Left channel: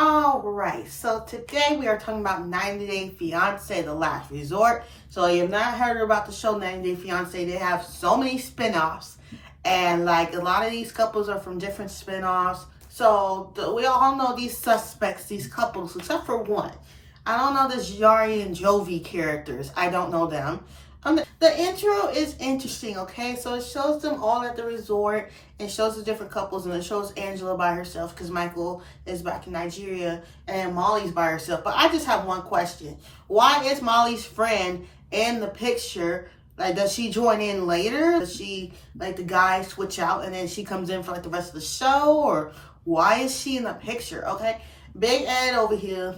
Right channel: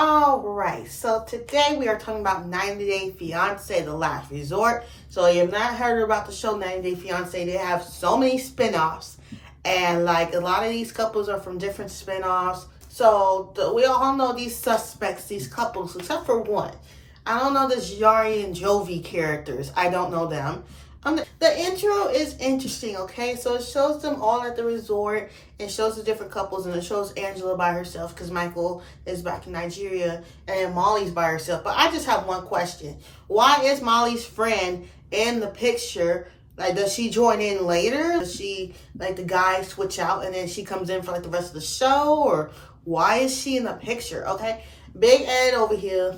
All right, so today we are talking about 90 Day Fiance, The Last Resort. So you have not heard about the show 90 Day Fiance. They have so many spinoffs, and like a lot of these couples are from different spinoffs. So we all know these suspects, these couples, except for one. I don't know this Yari and Jovi characters. I don't know them. The intro is interesting, okay? So it shows them all at the resort and shows the different couples, and it shows Angela by herself because Michael is back in Nigeria, and Molly's by herself. But I just have one question. Why is Molly's friend in the picture? Like, does she join in later? Does she, like, the guy switch out and then she comes in for, like, the rest of the show? Or why is she in the picture, okay? Big Ed over here.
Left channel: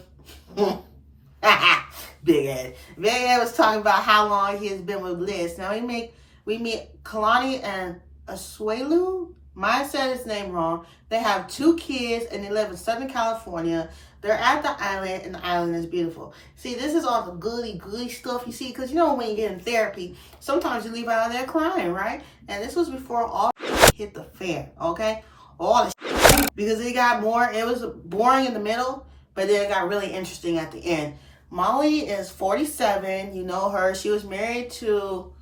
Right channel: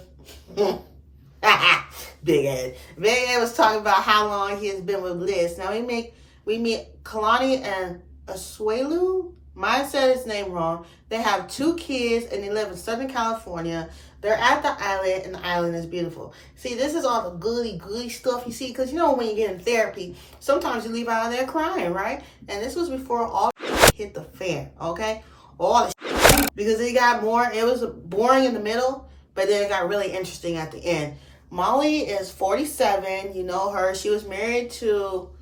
Big Ed. Big Ed was talking about how long he has been with Liz. Now we meet Kalani and Asuelu. Mine said his name wrong. They have 2 kids and they live in Southern California. They're at the island and the island is beautiful. See, this is all the goody stuff you see, because you know when you get in therapy, sometimes you leave out of there crying, right? And this was before all hit the fan, okay? All the because it got more, it was boring in the middle, but then it got really interesting at the end. Molly is 47. You know her. She was married to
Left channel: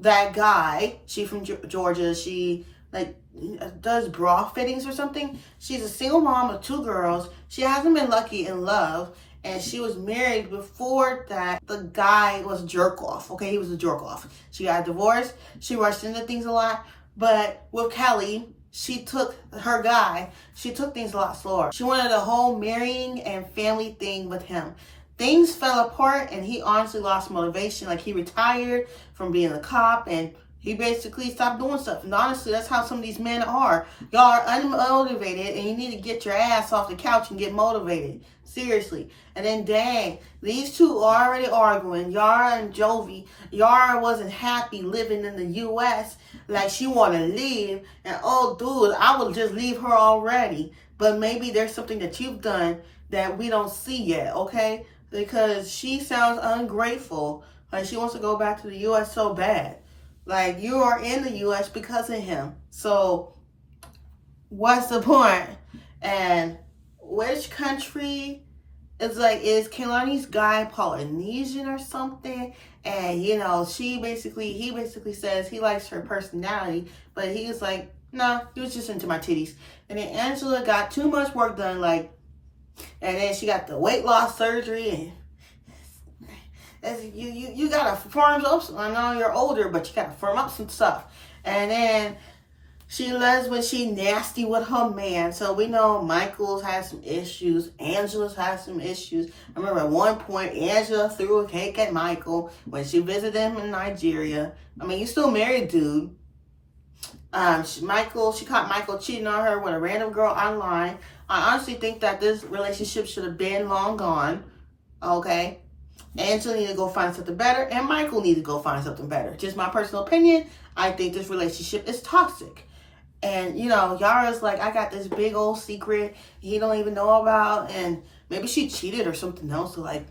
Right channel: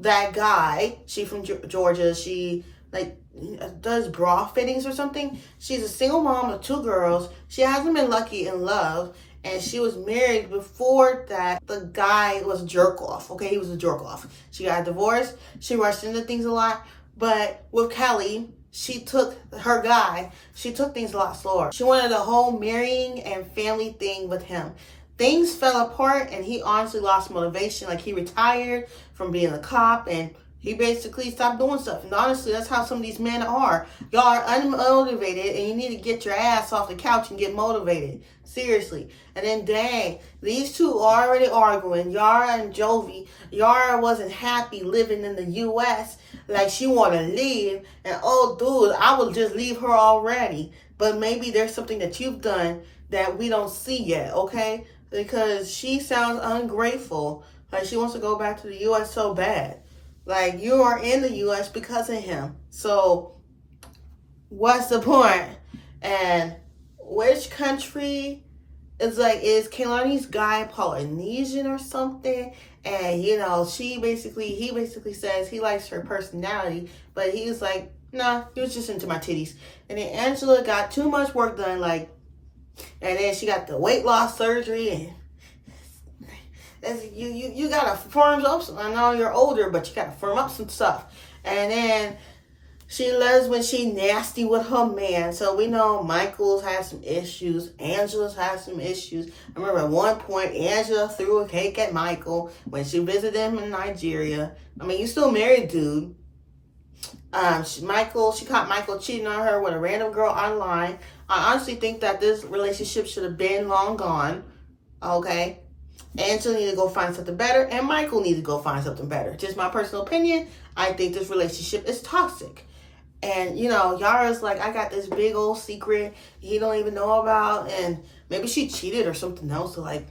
that guy. She from Georgia. She like does bra fittings or something. She's a single mom of 2 girls. She hasn't been lucky in love. And she was married before that. The guy was a jerk off. Okay, he was a jerk off. She got divorced. She rushed into things a lot. But with Kelly, she took things a lot slower. She wanted the whole marrying and family thing with him. Things fell apart and he honestly lost motivation. Like, he retired from being a cop and he basically stopped doing stuff. And honestly, that's how some of these men are. Y'all are unmotivated and you need to get your ass off the couch and get motivated. Seriously. And then dang, these two are already arguing. Yara and Jovi. Yara wasn't happy living in the US. Like, she wanted to leave. And oh dude, I would just leave her already. But maybe there's something that you've done that we don't see yet, okay? Because she sounds ungrateful. Like, she wants to go back to the U.S. so bad. Like, you are in the U.S. because of him. So, what's the point? And which country is Kehlani's guy Polynesian or something? And, you know, he basically says he likes her personality. But he's like, nah, he was just into my titties. And then Angela got too much work done, like, and then she got the weight loss surgery, and you gotta firm up some. I know you're older, but you gotta firm up some stuff. And then she loves when she nasty with her man. So we know Michael's has some issues. Angela's has some issues. I remember at one point Angela threw a cake at Michael when she visited him in Nigeria. I mean, you still married, dude. She caught Michael cheating on her with a random girl online. I honestly think that this relationship should have been long gone. Okay? Angela need to go find something better, and Michael need to go find something better. Just my personal opinion. I think this relationship is toxic. And, you know, Yara's like, I got this big old secret he don't even know about, and maybe she cheated or something else. So, like,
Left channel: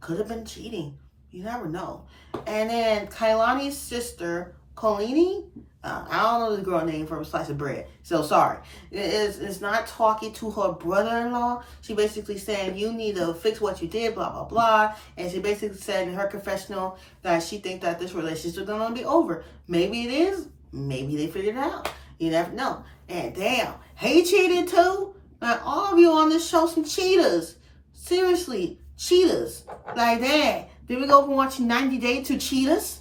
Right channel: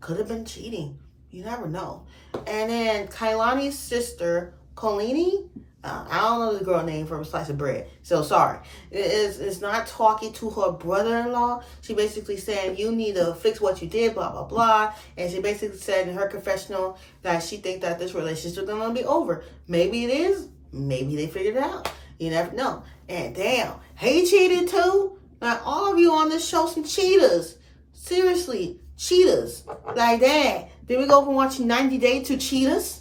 could have been cheating. You never know. And then Kehlani's sister, Kolini, I don't know this girl name from a slice of bread. So sorry. It's not talking to her brother-in-law. She basically saying, you need to fix what you did, blah, blah, blah. And she basically said in her confessional that she thinks that this relationship is going to be over. Maybe it is. Maybe they figured it out. You never know. And damn, he cheated too? Like, all of you on this show some cheaters. Seriously, cheaters. Like that. Did we go from watching 90 Day to cheaters?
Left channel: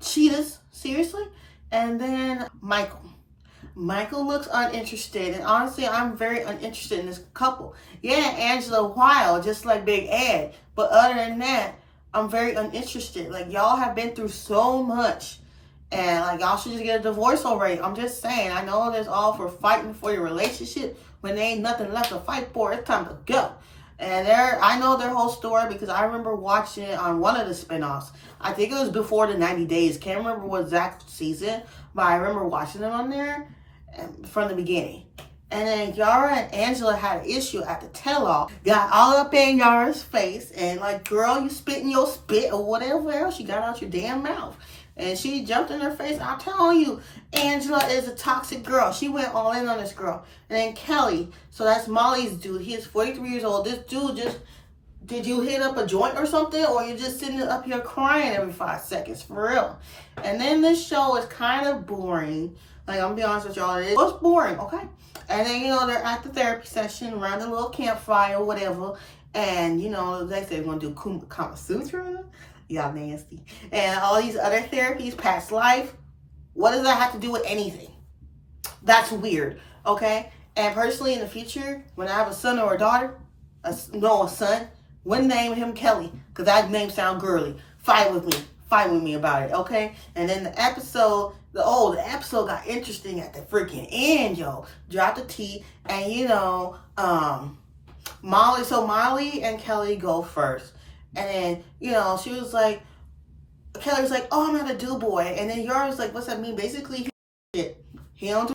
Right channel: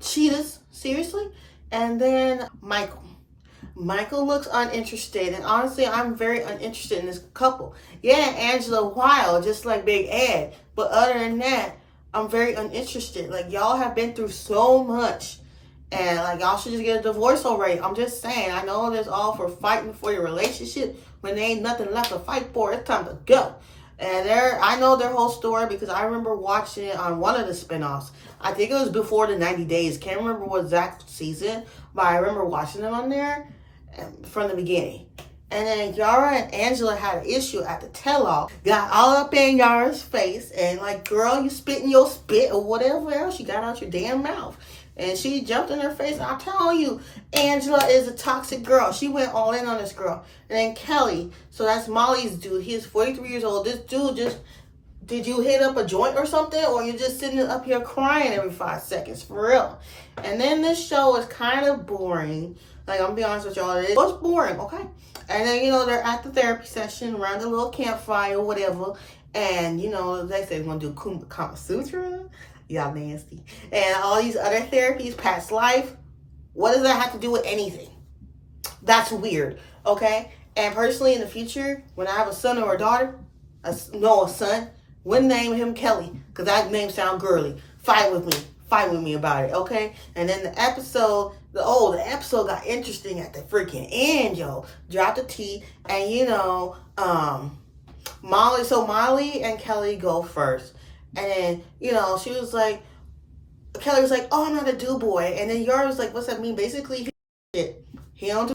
Cheaters. Seriously? And then Michael. Michael looks uninterested. And honestly, I'm very uninterested in this couple. Yeah, Angela wild, just like Big Ed. But other than that, I'm very uninterested. Like, y'all have been through so much. And, like, y'all should just get a divorce already. I'm just saying. I know there's all for fighting for your relationship. When there ain't nothing left to fight for, it's time to go. And I know their whole story because I remember watching it on one of the spinoffs. I think it was before the 90 Days. Can't remember what exact season, but I remember watching them on there from the beginning. And then Yara and Angela had an issue at the tell-all. Got all up in Yara's face and like, girl, you spitting your spit or whatever else you got out your damn mouth. And she jumped in her face. I'm telling you, Angela is a toxic girl. She went all in on this girl. And then Kelly, so that's Molly's dude. He's 43 years old. This dude just, did you hit up a joint or something? Or you're just sitting up here crying every 5 seconds, for real. And then this show is kind of boring. Like, I'm gonna be honest with y'all, it was boring, okay? And then, they're at the therapy session, around the little campfire or whatever. And, they say they're gonna do Kama Sutra. Y'all nasty. And all these other therapies, past life. What does that have to do with anything? That's weird, okay? And personally, in the future, when I have a son or a daughter, a son, wouldn't name him Kelly, because that name sounds girly. Fight with me about it, okay? And then the episode got interesting at the freaking end, yo. Drop the T, and Molly and Kelly go first. And then, she was like, Kelly was like, oh, I'm not a do boy. And then Yara was like, what's that mean? Basically, he don't do,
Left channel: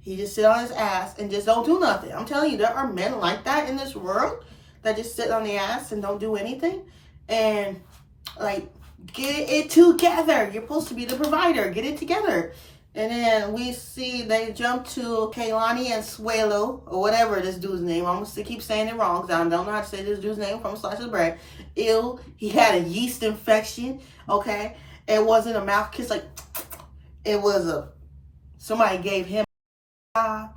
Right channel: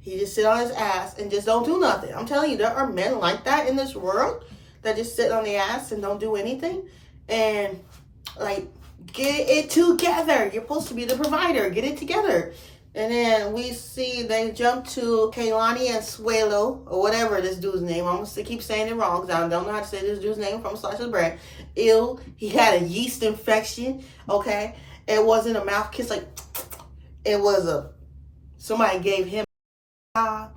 he just sit on his ass and just don't do nothing. I'm telling you, there are men like that in this world that just sit on the ass and don't do anything. And, like, get it together. You're supposed to be the provider. Get it together. And then we see they jump to Kehlani and Suelo, or whatever this dude's name. I'm going to keep saying it wrong because I don't know how to say this dude's name from a slice of bread. Ew. He had a yeast infection, okay? It wasn't a mouth kiss. Like, it was somebody gave him and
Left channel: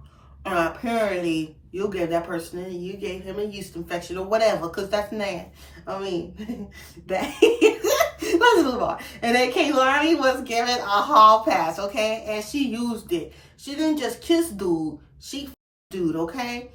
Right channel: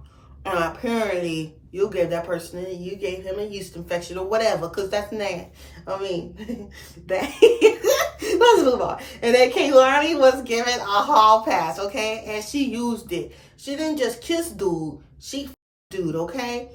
apparently you gave that person, you gave him a yeast infection or whatever, because that's nasty. I mean, let's move on. And then Kehlani was given a hall pass, okay? And she used it. She didn't just kiss dude. She dude, okay?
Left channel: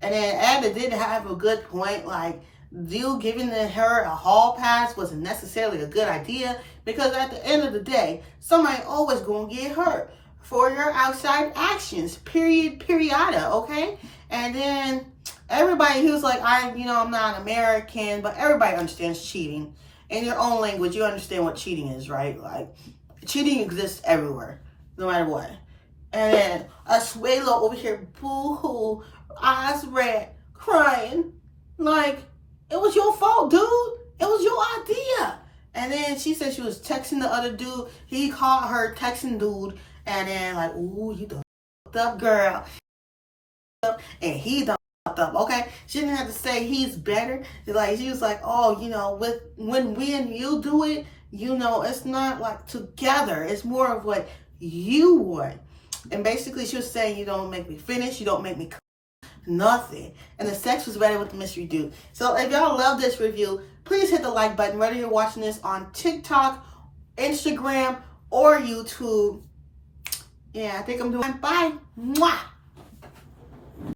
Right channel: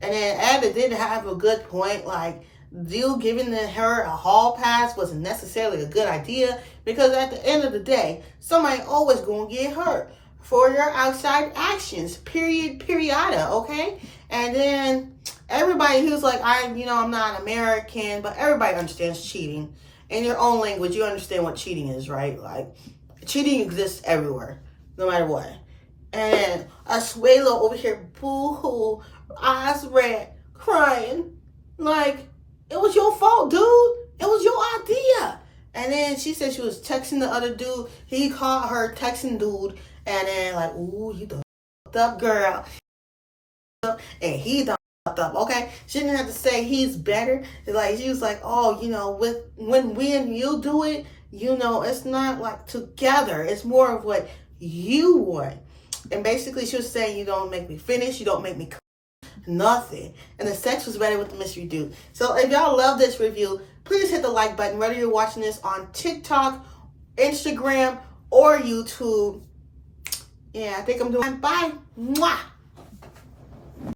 And then Ada did have a good point. Like, you giving her a hall pass wasn't necessarily a good idea, because at the end of the day, somebody always gonna get hurt for your outside actions, period, okay? And then everybody, he was like, I'm not American, but everybody understands cheating. In your own language, you understand what cheating is, right? Like, cheating exists everywhere, no matter what. And then Asuelo over here, boo-hoo, eyes red, crying. Like, it was your fault, dude. It was your idea. And then she said she was texting the other dude. He called her texting dude. And then like, ooh, you done fucked up, girl. And he done fucked up, okay? She didn't have to say he's better. Like, she was like, oh, when we and you do it, it's not like together. It's more of what you want. And basically she was saying, you don't make me finish. You don't make me nothing. And the sex was better with the mystery dude. So if y'all love this review, please hit the like button, whether you're watching this on TikTok, Instagram, or YouTube. Yeah, I think I'm doing. Bye. Mwah.